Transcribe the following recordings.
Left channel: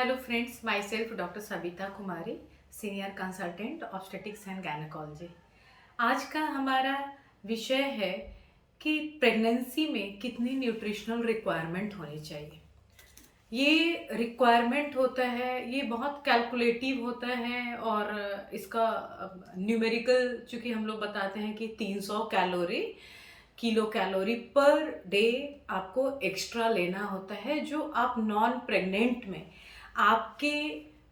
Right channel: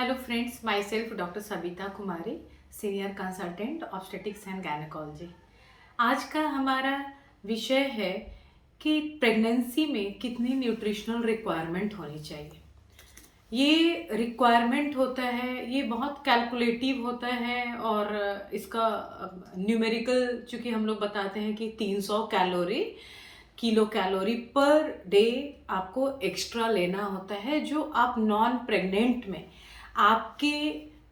Hello friends, my self doctor Sabita Kumari, senior consultant obstetrics and gynaecology. आज का हमारा विषय है कि प्रेगनेंसी में कितनी न्यूट्रिशनल रिक्वायरमेंट होनी चाहिए। ये रिक्वायरमेंट होता है, ये बहुत कैलकुलेटिव होता है और इसका न्यूमेरिकल चूँकि हम लोग बताते हैं कि 300 किलो कैलोरी पर डे आपको एक्स्ट्रा लेना होता है, जो आप नॉन प्रेग्नेंट में आपके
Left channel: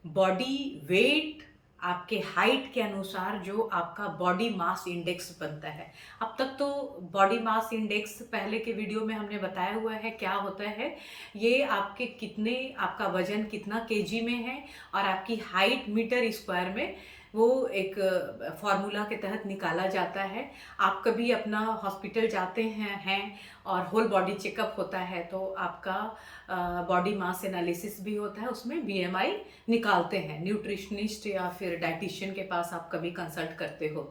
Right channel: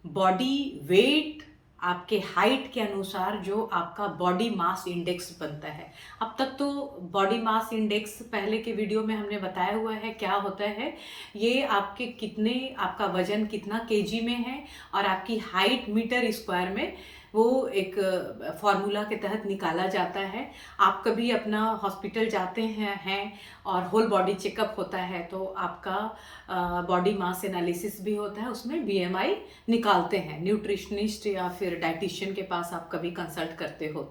बॉडी वेट, आपके हाइट के अनुसार जो आपका बॉडी मास इंडेक्स बनता है। अब तक तो बॉडी मास इंडेक्स पहले के वीडियो में हमने बताया हुआ है क्या होता है। ये आपके आपका वजन कितना केजी में है और आपकी हाइट मीटर स्क्वायर में वो एक फार्मूला के तहत निकाला जाता है। आप कभी अपना हॉस्पिटल जाते हैं और होल बॉडी चेकअप होता है तो आपका बॉडी मास एनालिसिस भी होता है, उसमें बीएमआई निकालते हैं। न्यूट्रिशनिस्ट या फिर डाइटिशियन के पास आप कभी कंसल्ट करते हो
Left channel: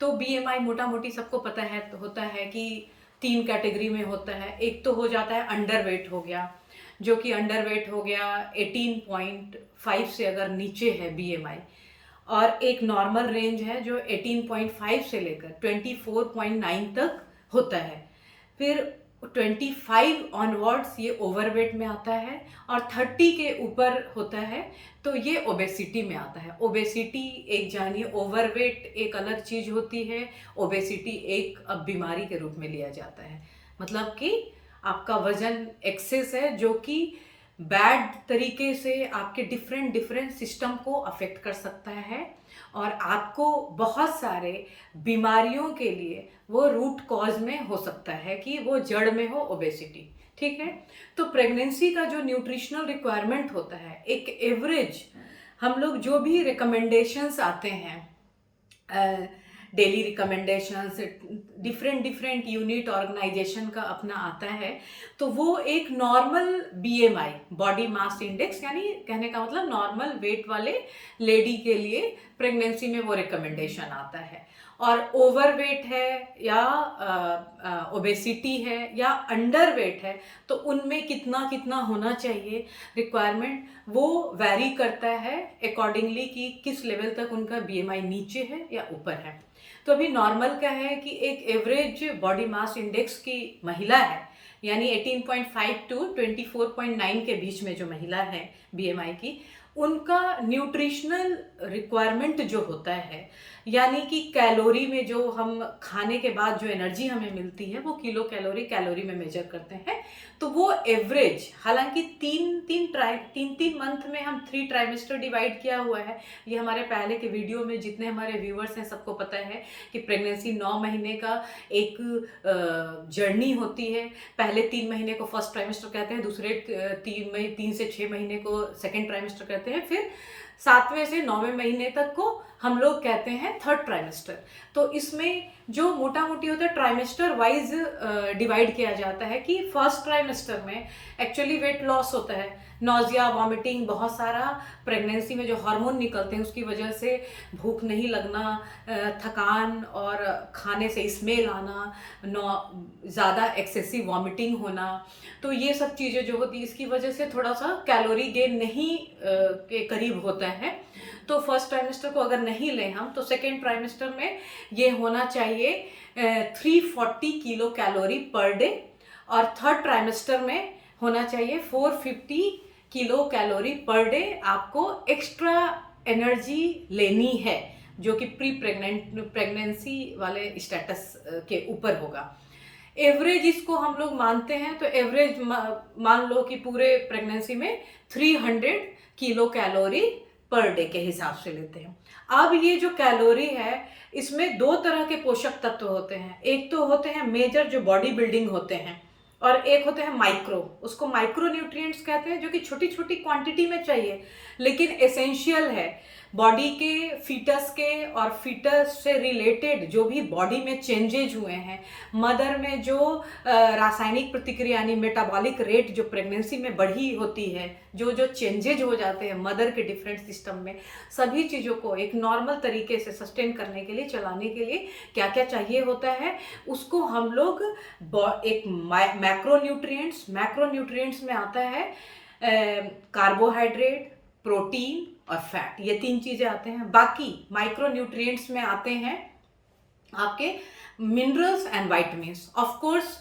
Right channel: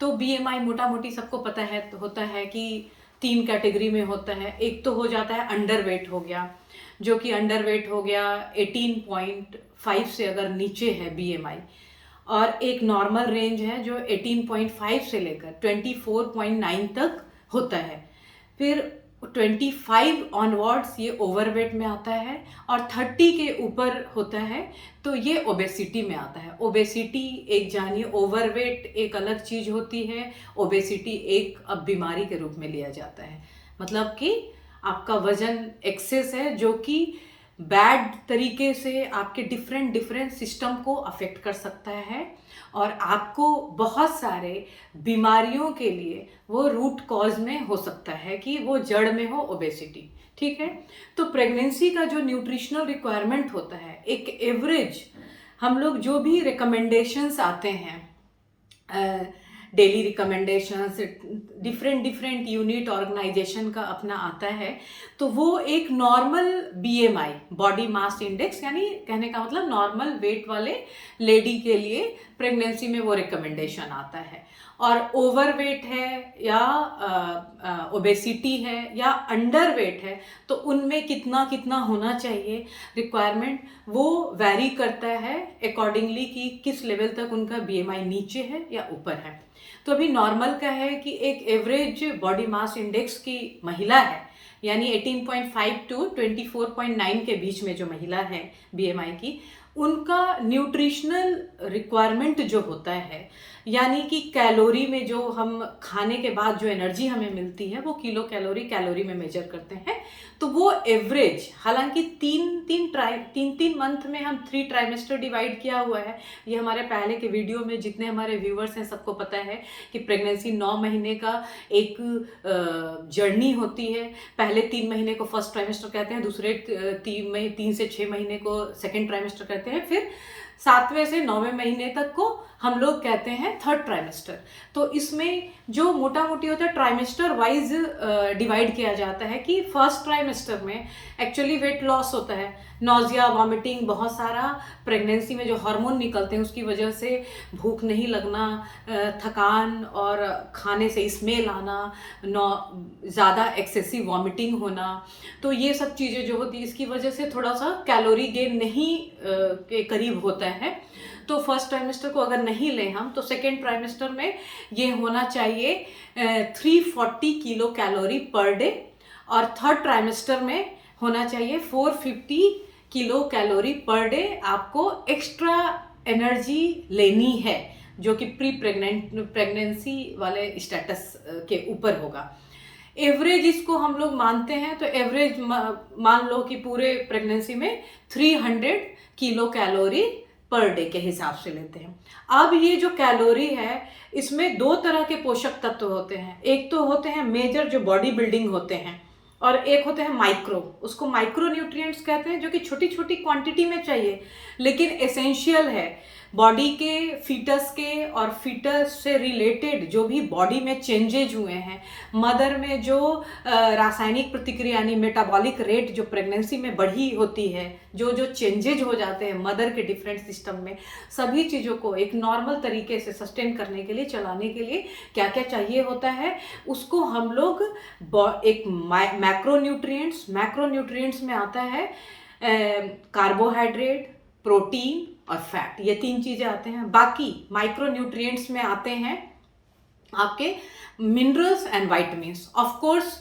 तो बीएमआई मोटा मोटी सबको पता है होता है कि 3 कैटेगरी में होता है। एक तो हो जाता है अंडर वेट हो गया, जो कि अंडर वेट हो गया 18.5 से अगर नीचे है बीएमआई, और एक नॉर्मल रेंज है जो 18.5 से लेकर 24.9 तक होता है। फिर 25 ऑनवर्ड्स ये ओवरवेट में आता है और 30 के ऊपर होता है तो ये ओबेसिटी में आता है। ओबेसिटी एक जानिए, ओवरवेट एक अलग चीज़ होती है, ओबेसिटी एक अब बीमारी के रूप में लिया जाता है। मतलब कि आपका वजन एक्सेस है जो कि बैड तरीके से आपके डिफरेंट सिस्टम को अफेक्ट कर सकता है और आपको बहुत सारे बीमारियों के लिए वो रूट कॉज में हो सकता है कि वो जड़ में हो ओबेसिटी। ठीक है, तो प्रेगनेंसी का जो न्यूट्रिशनल रिक्वायरमेंट होता है, एक एवरेज हम लोग जो भी रिकमेंडेशंस आते हैं, daily recommendations different unit organisation का अपना आता है, तो वो एक normal BMI body mass index, यानी कहने का मतलब नॉर्मल वेट वाले लेडी के लिए प्रेगनेंसी में वो रिकमेंडेशन आता है। और ओवरवेट है या ओबेसिटी है या अंडर वेट है तो उनमें कितना कितना होना चाहिए रिक्वायरमेंट, वो वैरी करता है अकॉर्डिंगली कि किस लेवल तक उनका बीएमआई नीचे है या ऊपर है। तो अभी नॉर्मल का है कि एक एवरेज बॉडी मास इंडेक्स की महिला है, यानी 18.5 टू 24.9 के बीच में जो महिला है बीएमआई की, उनका न्यूट्रिशनल रिक्वायरमेंट जो होता है, यानी कि कैलोरी में जो हम खाने के बाद जो एनर्जी हमें मिलती है वो कैलोरी में मेजर करते हैं। तो वो एवरेज, हालांकि तीन मंथ में हम 3 ट्राइमेस्टर डिवाइड किया हुआ है। ये हमारे पहले के वीडियो में जितने हमारे व्यूवर्स हैं सबको पता है कि प्रेगनेंसी 9 महीने का एक जर्नी होती है। पहले 3 महीने को फर्स्ट ट्राइमेस्टर कहते हैं, दूसरे 3 से 6 महीने को सेकेंड ट्राइमेस्टर कहते हैं, फिर 7वें से 9वें महीने तक को हम लोग कहते हैं थर्ड ट्राइमेस्टर। तो इसमें जो मोटा मोटी होता है ट्राइमेस्टर वाइज डिवाइड किया जाता है कि फर्स्ट ट्राइमेस्टर में एक्चुअली वेट लॉस होता है, नॉजिया, वॉमिटिंग, बहुत सारा प्रेगनेंसी में जो हार्मोन निकलते हैं उसकी वजह से भूख नहीं लगना, थकान और खाने से स्मेल आना, ज़्यादा एक्सेसिव वॉमिटिंग होना, तो ये सब चीज़ें जो होती है इसकी वजह से थोड़ा सा कैलोरी गेन नहीं के करीब होता है। तो फर्स्ट ट्राइमेस्टर को अगर नहीं लें हम तो सेकेंड ट्राइमेस्टर में ये होना चाहिए 340 किलो कैलोरी पर डे, और थर्ड ट्राइमेस्टर में होना चाहिए 450 किलो कैलोरी पर डे आपको एक्स्ट्रा एनर्जी लेनी है, जो कि प्रेगनेंसी वाले स्टेटस के ऊपर होगा। एवरेज इसको हम लोग मानते हैं तो एवरेज मान लो कि पूरे प्रेगनेंसी में 300 किलो कैलोरी पर डे के हिसाब से लेते हैं। अब ये जो कैलोरी है इसमें 2 तरह के पोषक तत्व होते हैं। एक तो होते हैं मेजर जो बॉडी बिल्डिंग होते हैं, और एक होते हैं माइक्रो, उसको माइक्रो न्यूट्रिएंट्स कहते हैं, जो कि छोटी छोटी क्वांटिटी में चाहिए लेकिन एसेंशियल है बॉडी के, फीटस के और फीटस से रिलेटेड जो भी बॉडी में चेंजेज हुए हैं, मदर में जो रासायनिक प्रतिक्रिया यानी मेटाबॉलिक रेट जो प्रेगनेंसी में बढ़ी होती है, जो चेंजेज हो जाते हैं मदर के डिफरेंट सिस्टम में, सभी चीज़ों को एक नॉर्मल तरीके से सस्टेन करने के लिए, चलाने के लिए क्या क्या चाहिए होता है, उसको हम लोग एक मैक्रो न्यूट्रिएंट्स में आता है कार्बोहाइड्रेट, प्रोटीन और फैट, ये 3 चीज़ें आते हैं। बाकी माइक्रो न्यूट्रिएंट्स में आते हैं आपके minerals and vitamins. Of course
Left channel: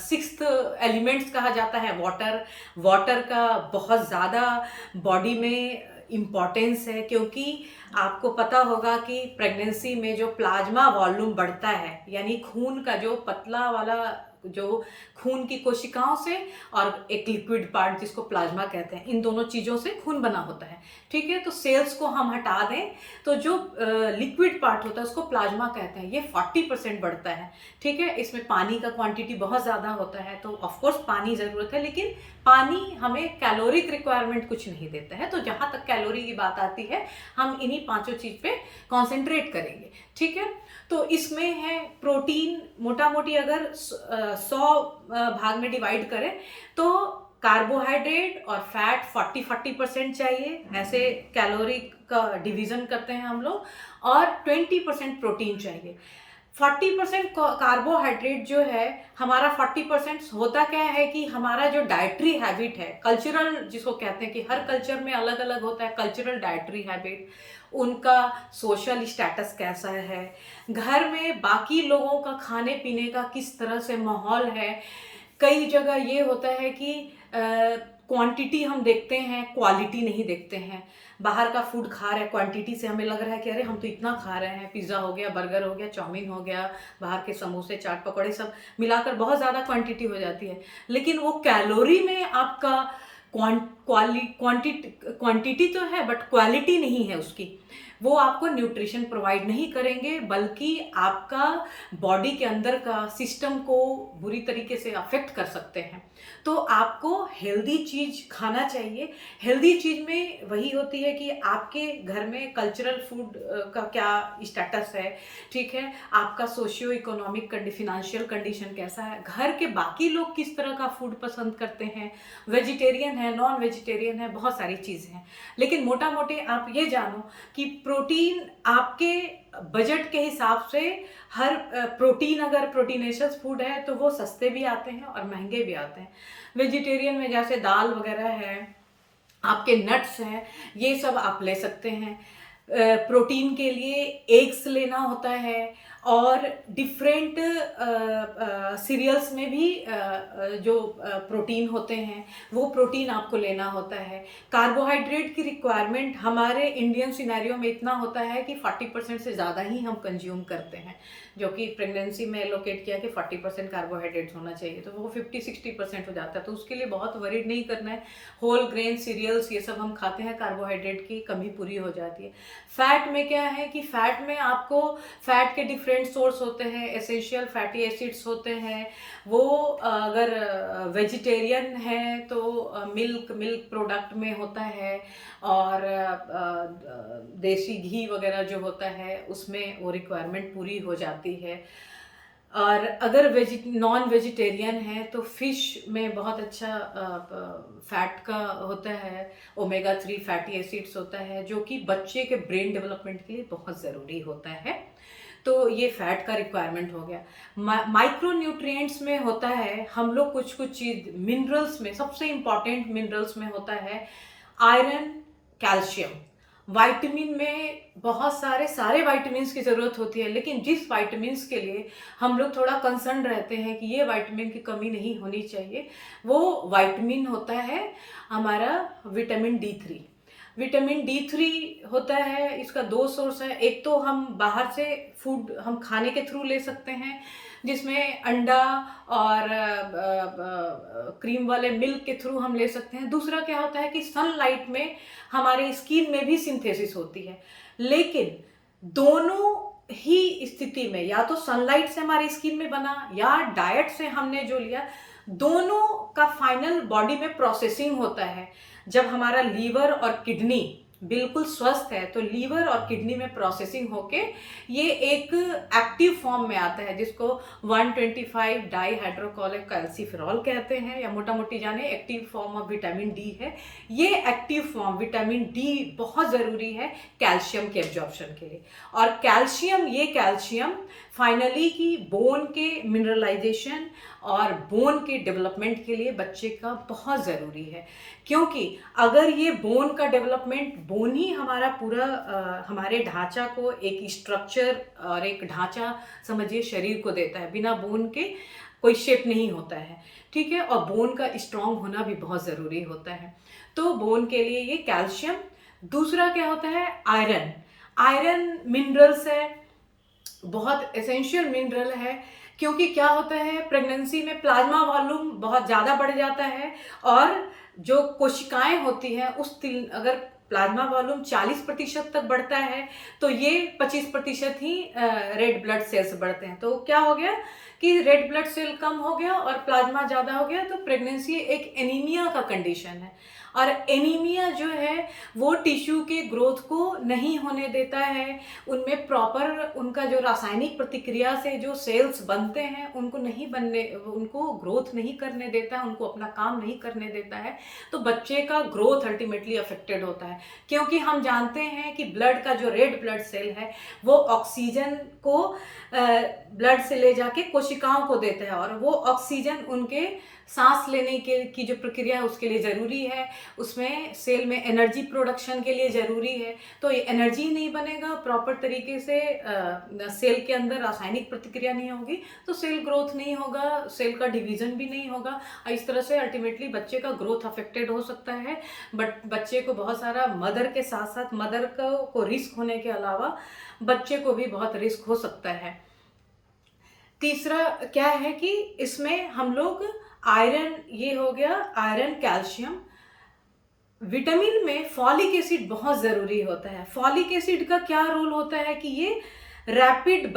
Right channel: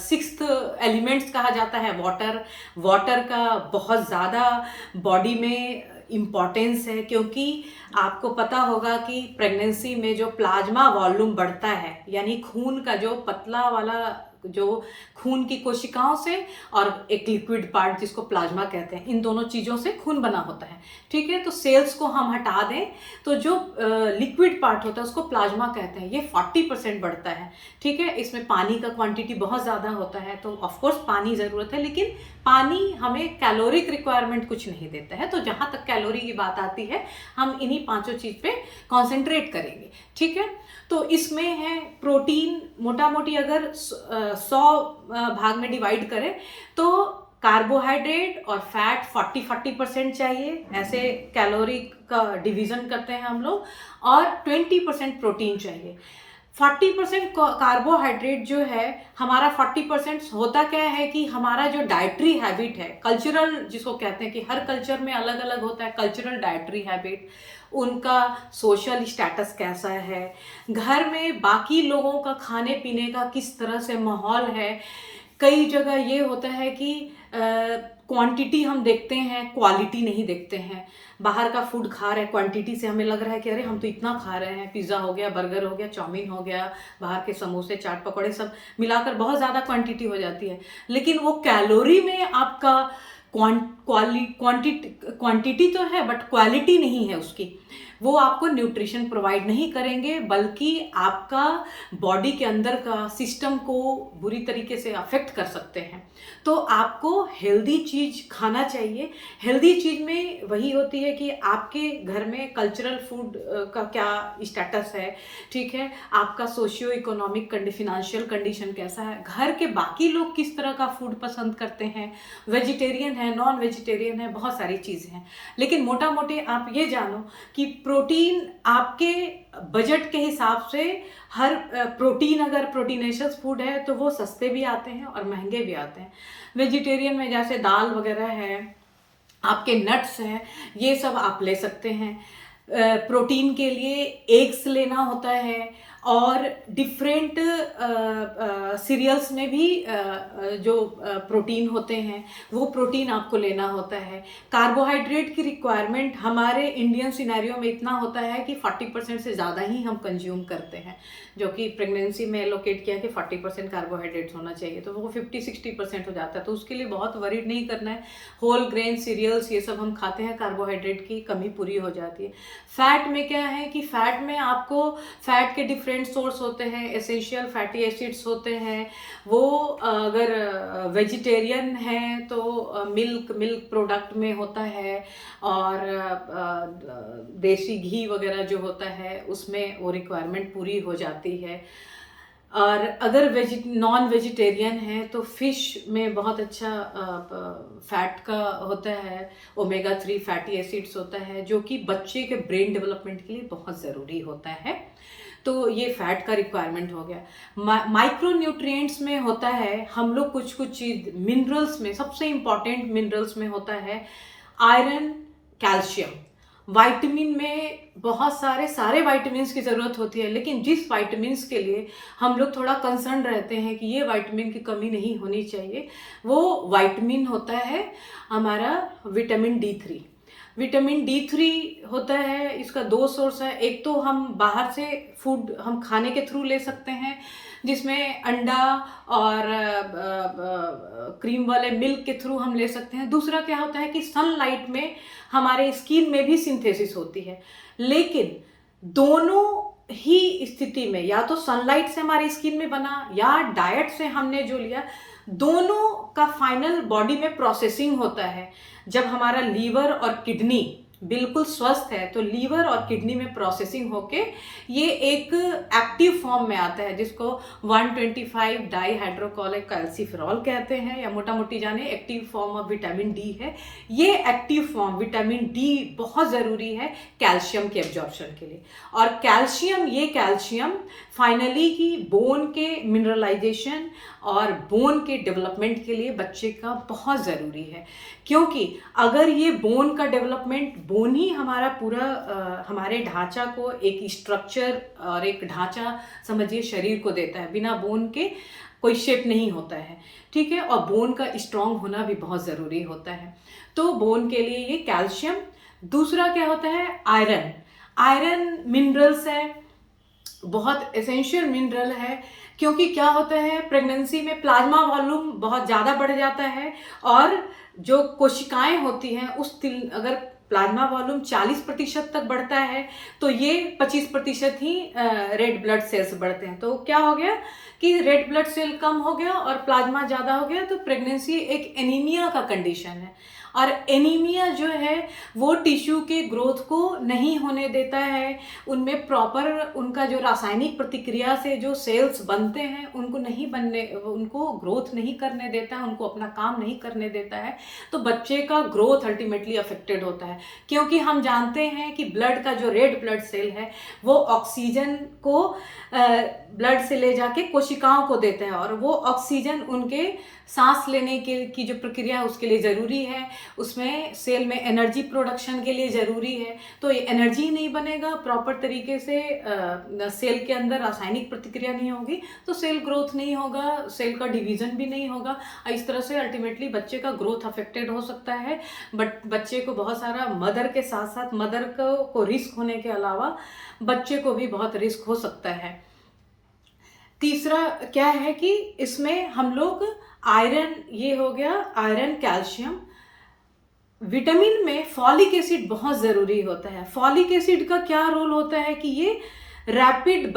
6th elements कहा जाता है वाटर। वाटर का बहुत ज़्यादा बॉडी में इम्पॉर्टेंस है, क्योंकि आपको पता होगा कि प्रेगनेंसी में जो प्लाज्मा वॉल्यूम बढ़ता है, यानी खून का जो पतला वाला जो खून की कोशिकाओं से और एक लिक्विड पार्ट जिसको प्लाज्मा कहते हैं, इन दोनों चीज़ों से खून बना होता है। ठीक है, तो सेल्स को हम हटा दें तो जो लिक्विड पार्ट होता है उसको प्लाज्मा कहते हैं, ये 40% बढ़ता है। ठीक है, इसमें पानी का क्वांटिटी बहुत ज़्यादा होता है, तो ऑफकोर्स पानी ज़रूरत है, लेकिन पानी हमें कैलोरिक रिक्वायरमेंट कुछ नहीं देता है। तो जहाँ तक कैलोरी की बात आती है, हम इन्हीं 5 चीज़ पे कॉन्सेंट्रेट करेंगे। ठीक है, तो इसमें है प्रोटीन, मोटा मोटी अगर 100 भाग में डिवाइड करें तो कार्बोहाइड्रेट और फैट 40% चाहिए, ऐसे कैलोरी का डिवीज़न करते हैं हम लोग, और 20% प्रोटीन चाहिए। 40% कार्बोहाइड्रेट जो है हमारा, 40% होता क्या है कि हमारा जो डाइटरी हैबिट है, कल्चरल जिसको कहते हैं कि हर कल्चर में अलग अलग होता है कल्चरल डाइटरी हैबिट, उनका सोशल स्टेटस कैसा है, घर में बाकी लोगों का खाने पीने का किस तरह से माहौल है। कई जगह ये होता है कि क्वांटिटी हम देखते हैं, क्वालिटी नहीं देखते हैं। बाहर का फूड खा रहे हैं, क्वांटिटी से हमें लग रहा है कि अरे हम तो इतना खा रहे हैं, पिज़्ज़ा हो गया, बर्गर हो गया, चाउमीन हो गया, बाहर के समोसे, चाट पकौड़े, सब मिलाकर बहुत ज़्यादा क्वांटिटी हो जाती है। लेकिन वो कैलोरी में आपका क्वांटिटी तो है बट क्वालिटी नहीं है उसकी। वो आपको न्यूट्रिशन प्रोवाइड नहीं करेंगे, बल्कि आपका बॉडी के अंदर का सिस्टम को बुरी तरीके से अफेक्ट कर सकते हैं। तो आपको हेल्दी चीज़ खाना चाहिए। हेल्दी चीज़ में वही होती है कि आपके घर में कल्चरल फूड का क्या स्टेटस है, ठीक है, आपका सोशियो इकोनॉमिक फिनेंशियल कंडीशन कैसा है, घर के बाकी लोग किस तरह का फूड पसंद करते हैं, वेजिटेरियन है, नॉन वेजिटेरियन है, बहुत सारी चीज़ें हैं। लेकिन मोटा मोटी आप ये जानो कि प्रोटीन आपके बजट के हिसाब से, हर प्रोटीन अगर प्रोटीनेशियस फूड है तो वो सस्ते भी आते हैं और महंगे भी आते हैं। वेजिटेरियन में जैसे दाल वगैरह है, आपके नट्स हैं, ये सब आप ले सकते हैं। प्रोटीन के लिए एग्स लेना होता है, और डिफरेंट सीरियल्स में भी जो प्रोटीन होते हैं वो प्रोटीन आपको लेना होता है। कार्बोहाइड्रेट की रिक्वायरमेंट हमारे इंडियन सिनेरियो में इतना होता है कि 40% से ज़्यादा ही हम कंज्यूम करते हैं, जो कि प्रेगनेंसी में एलोकेट किया कि 40% कार्बोहाइड्रेट्स होना चाहिए, तो वो 50-60% हो जाता है। तो उसके लिए बहुत वरीड नहीं करना है। होल ग्रेन सीरियल्स ये सब हम खाते हैं, कार्बोहाइड्रेट की कमी पूरी हो जाती है। फैट में क्या है कि फैट में आपको फैट के डिफरेंट सोर्स होते हैं, एसेंशियल फैटी एसिड्स होते हैं। वो अगर वेजिटेरियन है तो मिल्क प्रोडक्ट में होता है, और देसी घी वगैरह जो होता है उसमें वो रिक्वायरमेंट पूरी हो जाती है। और अगर नॉन वेजिटेरियन है तो फिश में बहुत अच्छा फैट का होता है, ओमेगा 3 फैटी एसिड्स होता है, जो कि बच्चे के ब्रेन डेवलपमेंट के लिए बहुत ज़रूरी होता है। तो ये फैट का रिक्वायरमेंट हो गया। माइक्रो न्यूट्रिएंट्स में होता है हम लोग कुछ चीज़, मिनरल्स में सबसे इम्पॉर्टेंट मिनरल्स में होता है आयरन, कैल्शियम। वाइटामिन में बहुत सारे वाइटामिन्स की ज़रूरत होती है, लेकिन जिस वाइटामिन्स के लिए हम लोग थोड़ा कंसर्न रहते हैं कि ये वाइटामिन की कमी नहीं होनी चाहिए, वो वाइटामिन होता है हमारा विटामिन D3। विटामिन D3 होता है, इसका 2 सोर्स है। एक तो हम बाहर से फूड हम खाने के थ्रू ले सकते हैं, जिसमें अंडा और क्रीम वाले मिल्क के थ्रू हम ले सकते हैं। दूसरा क्या होता है कि सनलाइट में हमारे स्किन में भी सिंथेसिस होती है। लेकिन दोनों ही स्थिति में, या तो सनलाइट से हमारी स्किन में बना या डाइट से हमने जो लिया, दोनों का फाइनल बॉडी में प्रोसेसिंग होता है। जब हमारा लीवर और किडनी बिल्कुल स्वस्थ है तो लीवर और किडनी में प्रोसेसिंग होके ये एक एक्टिव फॉर्म में आता है, जिसको 125 डाई हाइड्रोक्लोरिक कैल्सीफेरॉल कहते हैं, या मोटा मोटी जाने active form of vitamin D है। ये एक्टिव फॉर्म विटामिन डी बहुत ज़रूरी है कैल्शियम के एब्जॉर्प्शन के लिए। और कैल्शियम फाइनली की बोन के मिनरलाइजेशन और बोन के डेवलपमेंट के लिए बच्चे का बहुत ज़रूरी है। क्योंकि अगर ये बोन का डेवलपमेंट, बोन ही हमारा पूरा हमारे ढांचा को एक स्ट्रक्चर और एक ढांचा समझिए शरीर को देता है। बिना बोन के कोई शेप नहीं होता है, ठीक है। और बोन का स्ट्रांग होना भी बहुत ज़रूरी होता है। तो बोन के लिए ये कैल्शियम। दूसरा क्या होता है, आयरन। आयरन मिनरल्स है, बहुत एसेंशियल मिनरल है। क्योंकि क्या होता है, प्रेगनेंसी में प्लाज्मा वॉल्यूम बहुत ज़्यादा बढ़ जाता है और जो कोशिकाएं होती हैं अगर प्लाज्मा वॉल्यूम 40% तक बढ़ता है तो ये 25% ही रेड ब्लड सेल्स बढ़ते हैं। तो क्या हो गया कि रेड ब्लड सेल कम हो गया और प्लाज्मा ज़्यादा हो गया, तो प्रेगनेंसी एक एनीमिया का कंडीशन है। और एनीमिया जो है वो टिश्यू के ग्रोथ को नहीं होने देता है, उनमें प्रॉपर उनका जो रासायनिक प्रतिक्रिया से जो सेल्स बनते हैं उनको ग्रोथ नहीं करने देता है, उनको अपना काम नहीं करने देता है। तो बच्चे का ग्रोथ अल्टीमेटली अफेक्टेड होता है। क्योंकि हम जानते हैं कि ब्लड का जो रेड ब्लड सेल है वो ऑक्सीजन को ब्लड से ले जाके कोशिकाओं को देता है, और वो ऑक्सीजन उनके सांस लेने की जो प्रक्रिया है उसके लिए ज़रूरी है, उसमें सेल में एनर्जी प्रोडक्शन के लिए ज़रूरी है। तो ये एनर्जी नहीं बनेगा प्रॉपर तरीके से, सेल के अंदर रासायनिक प्रतिक्रिया नहीं होगी तो सेल ग्रोथ नहीं होगा, सेल का डिवीज़न भी नहीं होगा। इस तरह से अल्टीमेटली बच्चे का ग्रोथ अफेक्टेड हो सकता है। बट बच्चे को बहुत सारा मदर के साथ साथ मदर को रिस्क होने के अलावा बच्चे को भी बहुत रिस्क हो सकता है। तीसरा क्या है कि इसमें हम लोग आयरन, ये हो गया आयरन, कैल्शियम। विटामिन में फॉलिक एसिड बहुत ज़रूरी होता है। फॉलिक एसिड का क्या रोल होता है कि ये रैपिड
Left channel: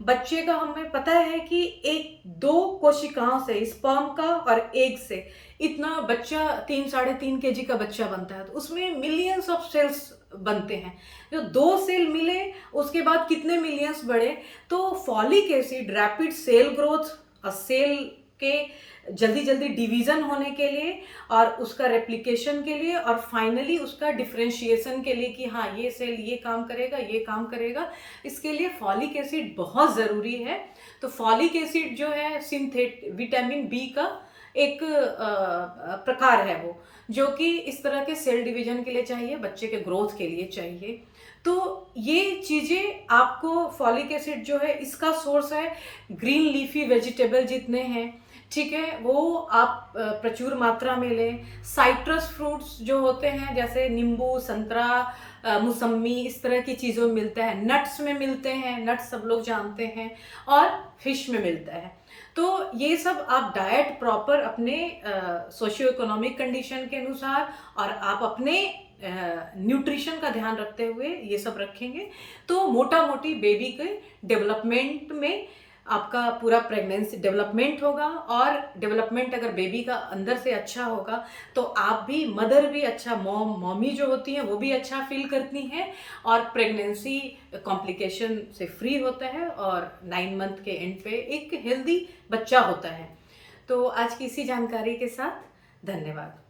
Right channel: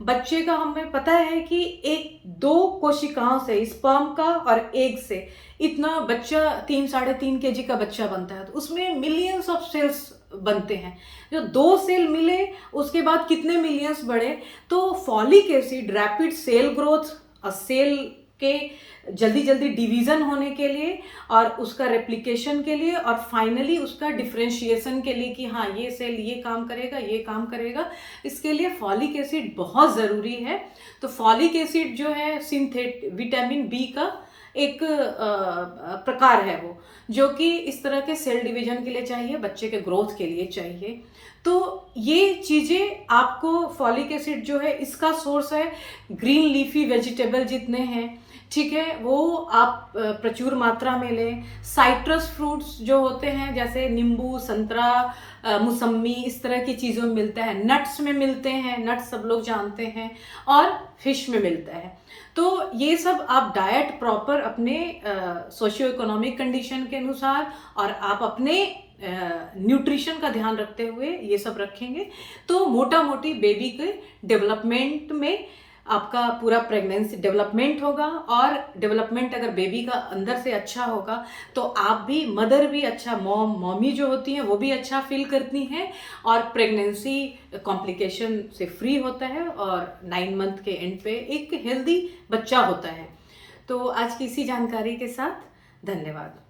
बच्चे का हमें पता है कि 1-2 कोशिकाओं से, स्पर्म का और एग से इतना बच्चा 3-3.5 kg का बच्चा बनता है। तो उसमें मिलियंस ऑफ सेल्स बनते हैं। जो 2 सेल मिले उसके बाद कितने मिलियंस बढ़े। तो folic acid rapid cell growth और सेल के जल्दी डिवीज़न होने के लिए और उसका रेप्लिकेशन के लिए और फाइनली उसका डिफरेंशिएशन के लिए कि हाँ ये सेल ये काम करेगा, इसके लिए फॉलिक एसिड बहुत ज़रूरी है। तो फॉलिक एसिड जो है विटामिन बी का एक प्रकार है वो, जो कि इस तरह के सेल डिवीजन के लिए चाहिए, बच्चे के ग्रोथ के लिए चाहिए। तो ये चीज़ें आपको, फॉलिक एसिड जो है इसका सोर्स है ग्रीन लीफी वेजिटेबल जितने हैं, ठीक है, वो आप प्रचुर मात्रा में लें। साइट्रस फ्रूट्स जो होते हैं जैसे नींबू, संतरा, मौसम्मी, इस तरह की चीज़ों में मिलता है। नट्स में मिलते हैं, नट्स सब लोग जानते हैं, और फिश में मिलता है। तो ये सब आप डाइट प्रॉपर अपने सोशियो इकोनॉमिक कंडीशन के अनुसार और आप अपने न्यूट्रिशन का ध्यान रखते हुए ये सब रखेंगे तो मोटा मोटी बेबी के डेवलपमेंट में आपका पूरा प्रेगनेंसी डेवलपमेंट होगा। और डेवलपमेंट अगर बेबी का अंदर से अच्छा होगा तो आप भी, मदर भी अच्छा, मॉमी जो होती हैं वो भी अच्छा फील करती हैं और प्रेगनेंसी कॉम्प्लिकेशन से फ्री होता है और 9 मंथ के एंड पे एक हेल्दी बच्चा होता है। तो आज की इसी जानकारी के साथ धन्यवाद।